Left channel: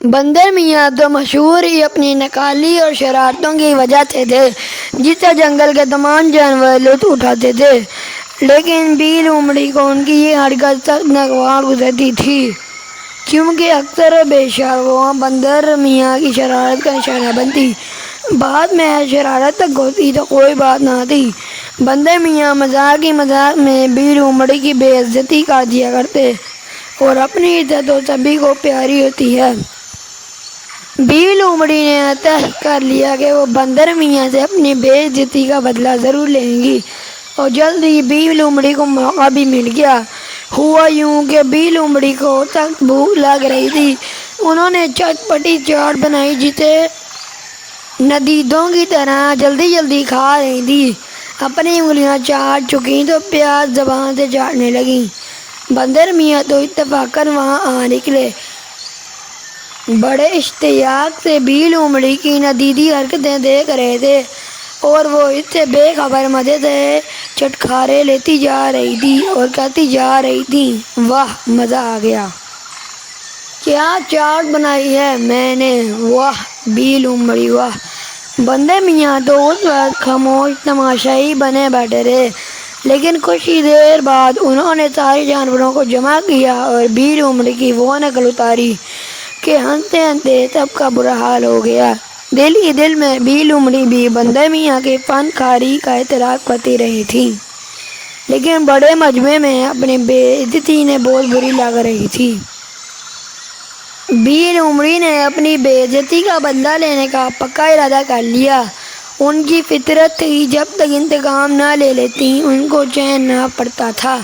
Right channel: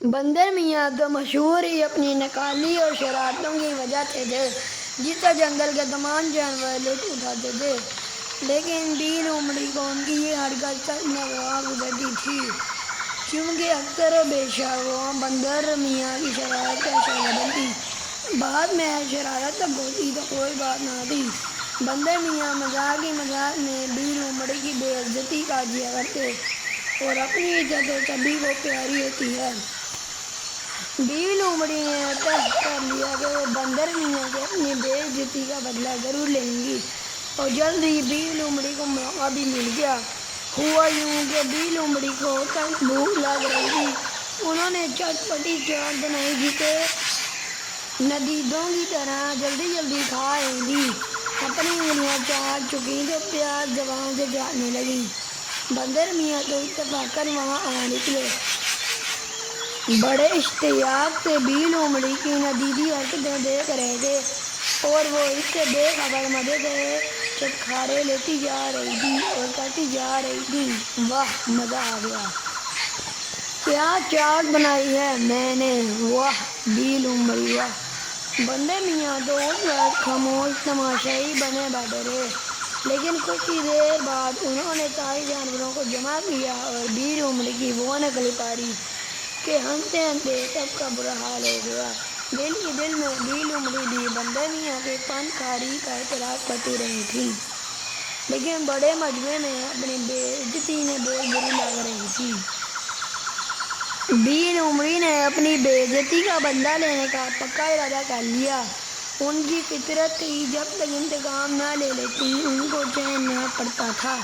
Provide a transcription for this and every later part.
بندر میاں تو مشہور ہی اپنی نکالی اور شرارتوں کی وجہ سے تھے، جس سے جنگل کے تمام جانور لطف اٹھاتے تھے، لیکن بی لومڑی کو ان کی یہ حرکت سخت ناگوار گزرتی تھی، کیونکہ اکثر و بیشتر وہ بندر میاں کی شرارت کا نشانہ بنتی۔ بعد میں شرارت تک ہوتی تو کوئی بات نہ تھی، بندر میاں مذاق ہی مذاق میں بی لومڑی کی بے عزتی کر دیا کرتے، اور اپنی عزت تو سبھی کو پیاری ہوتی ہے۔ بی لومڑی نے طے کر لیا کہ وہ بندر میاں سے اپنی بے عزتی کا بدلہ ضرور لیں گی، اور جلد ہی بی لومڑی کو موقع بھی مل گیا۔ ہوا یوں کہ بی لومڑی کو سخت بھوک لگ رہی تھی۔ انہوں نے چٹپٹی چاٹ بنائی جسے ندیدوں کی طرح جلدی جلدی کھا رہی تھی۔ اپنی انگلیاں چاٹ چکیں تو پیاز زبان سے چاٹنے لگیں۔ بندر میاں تو اتفاقاً وہاں آ نکلے، بڑے اشتیاق سے بی لومڑی کی ندیدی حرکتیں دیکھ رہے تھے، اور وہ اس سے بے خبر مزے سے چٹخارے لیتی جا رہی تھی اور کہتی جا رہی تھی، واہ مزہ آ گیا! کیا چاٹ بنائی ہے میں نے! واہ بی لومڑی واہ! بندر میاں تو اس وقت خاموش تماشائی بنے بیٹھے رہے، لیکن کچھ ہی دیر بعد انہوں نے سارے جانوروں کو جمع کیا اور بی لومڑی کی وہ نقل اتاری کہ ہنستے ہنستے سب کا برا حال ہو گیا۔ دل ہی دل میں بی لومڑی بھی بندر میاں کی فن کاری کا اعتراف کرتی رہی تھی، لیکن بڑے مجمع میں اپنی بے عزتی نے بہت بری لگ رہی تھی۔ بی لومڑی نے اپنی بے عزتی کا بدلہ لینے کا پکا ارادہ کر لیا۔ ان کی فطرت تھی، جب تک انتقام نہ لے لیتی ان کو چین نہ پڑتا تھا،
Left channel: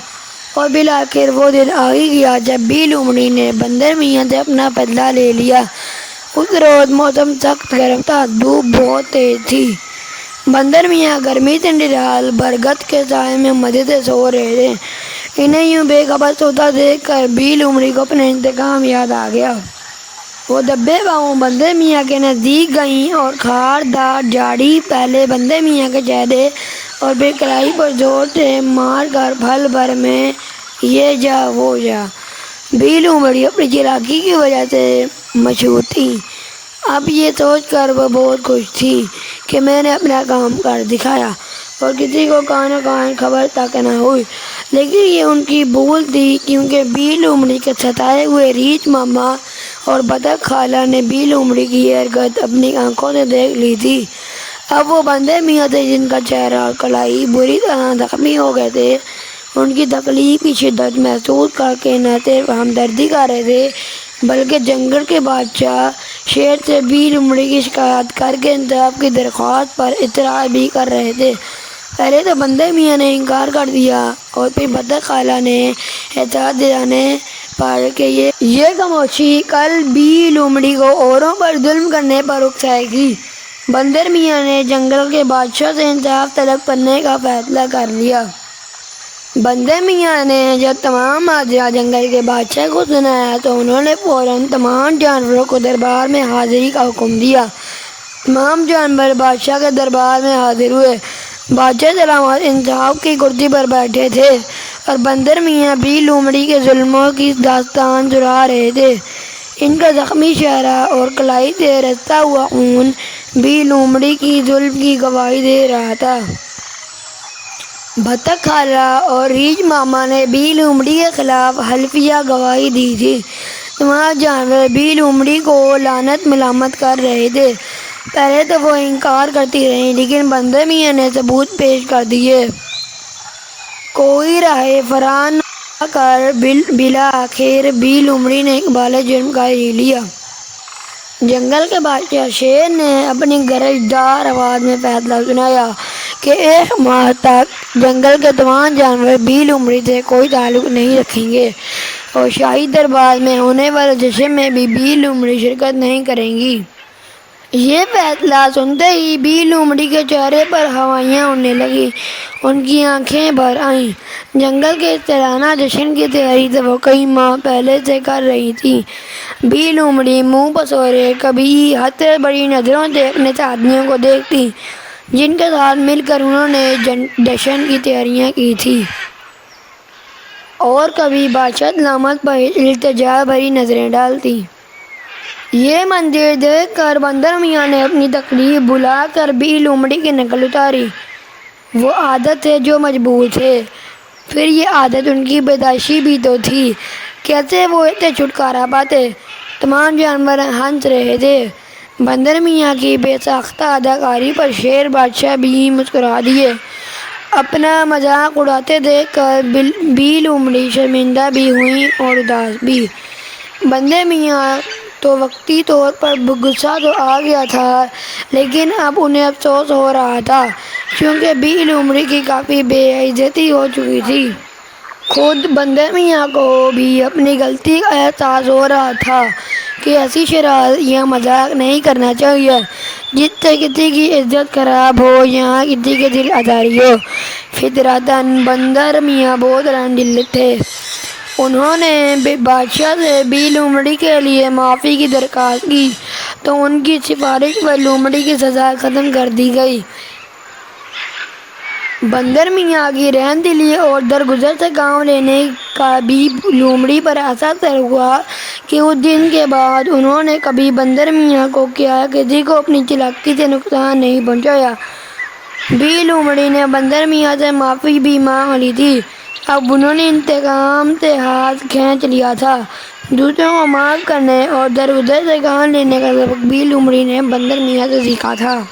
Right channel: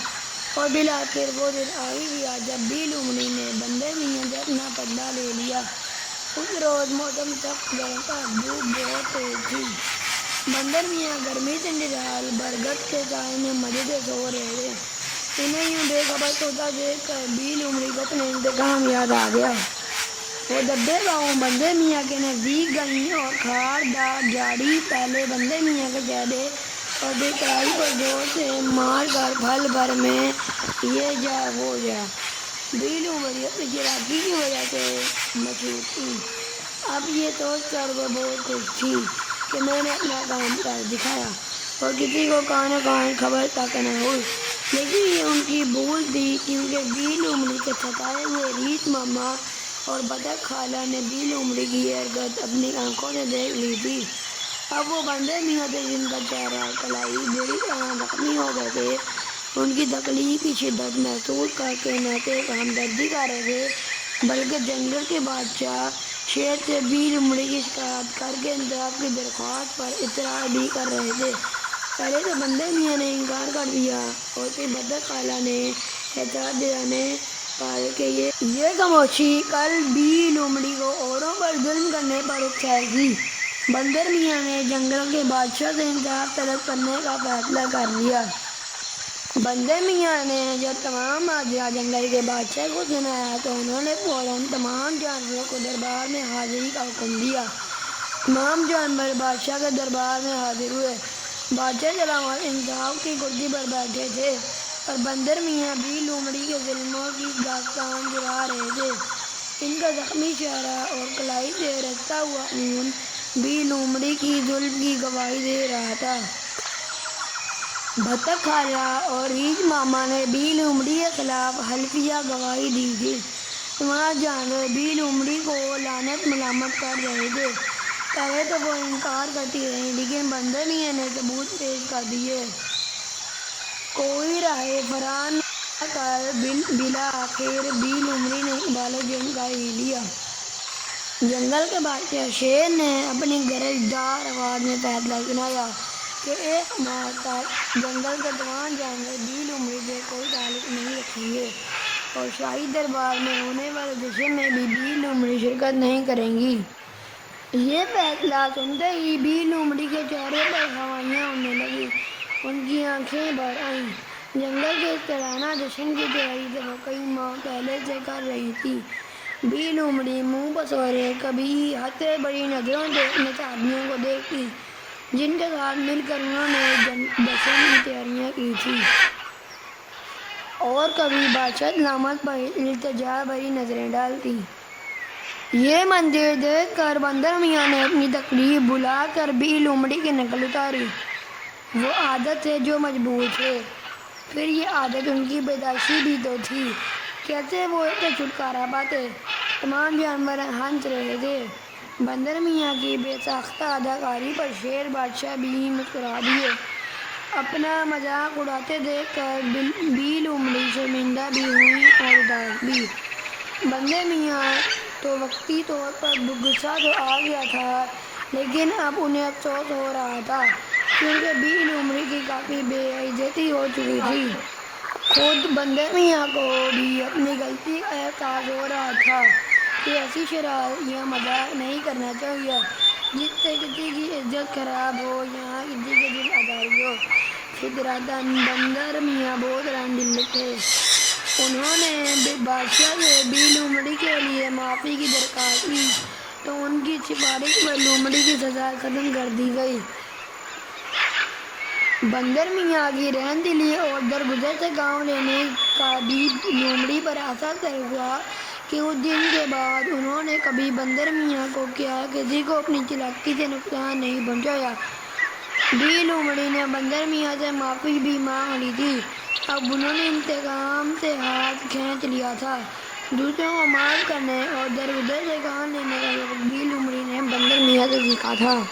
اور بالآخر وہ دن آ ہی گیا جب بی لومڑی نے بندر میاں سے اپنا بدلہ لے لیا۔ اس روز موسم سخت گرم تھا، دھوپ بہت تیز تھی۔ بندر میاں گرمی سے نڈال برگد کے سائے میں مزے سے سو رہے تھے۔ انہیں یوں بے خبر سوتا دیکھ کر بی لومڑی کو اپنا انتقام یاد آ گیا۔ وہ دبے پاؤں بندر میاں کے نزدیک گئیں اور خار دار جھاڑی پہلے بندر میاں کے چہرے اور پھر کلائی پر زور سے مار کر پل بھر میں یہ جا وہ جا۔ بی لومڑی اپنی چالاکی کی وجہ سے مشہور تھی۔ اب یہ سوچ کر وہ بہت خوش تھی کہ میں نے اپنا کام کر دکھایا اور کسی کو کانوں کان خبر تک نہ ہوئی، لیکن یہ ان کی بھول تھی، کیونکہ بی لومڑی کے ستائے ہوئے ریچھ ماما اور بطخ خالہ نے بی لومڑی کی یہ حرکت اپنی آنکھوں سے دیکھ لی تھی۔ اب وہ بندر میاں تھے جن کا چہرہ اور کلائی بری طرح زخمی ہو گئے تھے، ان کی تکلیف کی شدت محسوس کر کے نہ صرف ہمدردی کر رہے تھے بلکہ جنگل کے بادشاہ شیر سے بی لومڑی کی شکایت کر کے انصاف کی درخواست پر اصرار بھی کر رہے تھے۔ پہلے تو بندر میاں نے انکار کر دیا اور پھر بطخ خالہ نے احساس دلانے پر کہ یہ خاموشی کل بی لومڑی کو اوروں پر ظلم کرنے پر اکسائے گی۔ بندر میاں نے جنگل کے بادشاہ سے انصاف طلب کرنے کا فیصلہ کر لیا۔ بندر میاں نے جب تمام ماجرا جنگل کے بادشاہ کو سنایا تو انہوں نے فوراً تمام جانوروں کو دربار میں حاضری کا حکم دیا۔ تمام جانور بادشاہ کے دربار میں حاضر ہوئے۔ بادشاہ سلامت انصاف کی کرسی پر بیٹھے تھے اور بندر میاں بی لومڑی کے ظلموں کی داستان سنا رہے تھے۔ ان کا زخمی چہرہ اور کلائی سے رستا ہوا خون بی لومڑی کی ظلم کی گواہی دے رہا تھا۔ بطخ خالہ اور ریچھ ماما نے بی لومڑی کے خلاف حلفیہ گواہی دی تھی۔ تمام جانور بی لومڑی کو لعنت ملامت کر رہے تھے۔ پہلے تو وہ انکار کرتی رہیں، لیکن بندر میاں نے ثبوت پیش کر دیے۔ کوئی راہ فرار نہ کر بالآخر بی لومڑی نے اقبال جرم کر ہی لیا۔ جنگل کے بادشاہ شیر نے اپنی گرجدار آواز میں فیصلہ سنایا کہ ایک ماہ تک جنگل کے تمام جانور بی لومڑی سے کوئی تعلق نہیں رکھیں گے، اور شاہی دربار میں ہونے والے جشن میں بھی بی لومڑی شرکت نہیں کریں گی۔ یہ فیصلہ سنتے ہی بی لومڑی کے چہرے پر ہوائیاں اڑنے لگیں، ان کی آنکھیں بھر آئیں۔ جنگل کے اس سالانہ جشن کی تیاری تو وہ کئی ماہ پہلے سے کر رہی تھی۔ بی لومڑی منہ پسورے کبھی حسرت بھری نظروں سے اپنے ساتھیوں کو دیکھتی جن کے ساتھ مل کر انہوں نے جشن کی تیاریاں کی تھیں، اور کبھی بادشاہ سلامت پر التجا بھری نظریں ڈالتی۔ یہ منظر دیکھ کر بندر میاں نے اپنی تکلیف بھلا کر بھی لومڑی کی نقل اتاری۔ وہ عادت ہے جو مضبوط ہے، پھر یہ عادت ان کی پیدائشی بھی تو تھی، کیسے وہ اسے چھٹکارا پاتے؟ تمام جانور ہنس رہے تھے۔ بندر میاں کی بے ساختہ اداکاری پر شیر بادشاہ بھی مسکرا دیے۔ اپنا مذاق اڑاتے دیکھ کر بھی لومڑی شرمندہ بھی ہوئی اور اداس بھی۔ بندر میاں تو وقتی طور پر غصہ تو آ گیا تھا، لیکن اب انہیں افسوس ہو رہا تھا، کیونکہ بھی لومڑی کی کافی بے عزتی ہو چکی تھی۔ خود بندر میاں کو بھی اپنی غلطی کا احساس ہو رہا تھا کہ ایسی شرارت یا مذاق نہیں کرنا چاہیے جس سے کسی کی عزت خراب ہو یا کسی کے دل آزاری ہو۔ فطرتاً بندر میاں بہت رحم دل تھے۔ انہوں نے بادشاہ سے بھی لومڑی کے لیے معافی کی درخواست کی تو ان کی سفارش پر لومڑی کی سزا ختم کر دی گئی۔ بندر میاں کی رحم دلی اور درگزر سے کام لینے کا بھی لومڑی پر ایسا اثر ہوا کہ اس دن کے بعد انہوں نے کبھی بندر میاں کو کیا کسی کو اپنی چالاکی سے نقصان نہیں پہنچایا۔ بھی لومڑی نے بندر میاں سے معافی بھی مانگ لی تھی، اب انہوں نے انتقام سے ہاتھ کھینچ لیا تھا۔ دوسروں کو معاف کرنے اور درگزر سے کام لینے کا سبق بھی لومڑی نے بندر میاں سے سیکھا تھا۔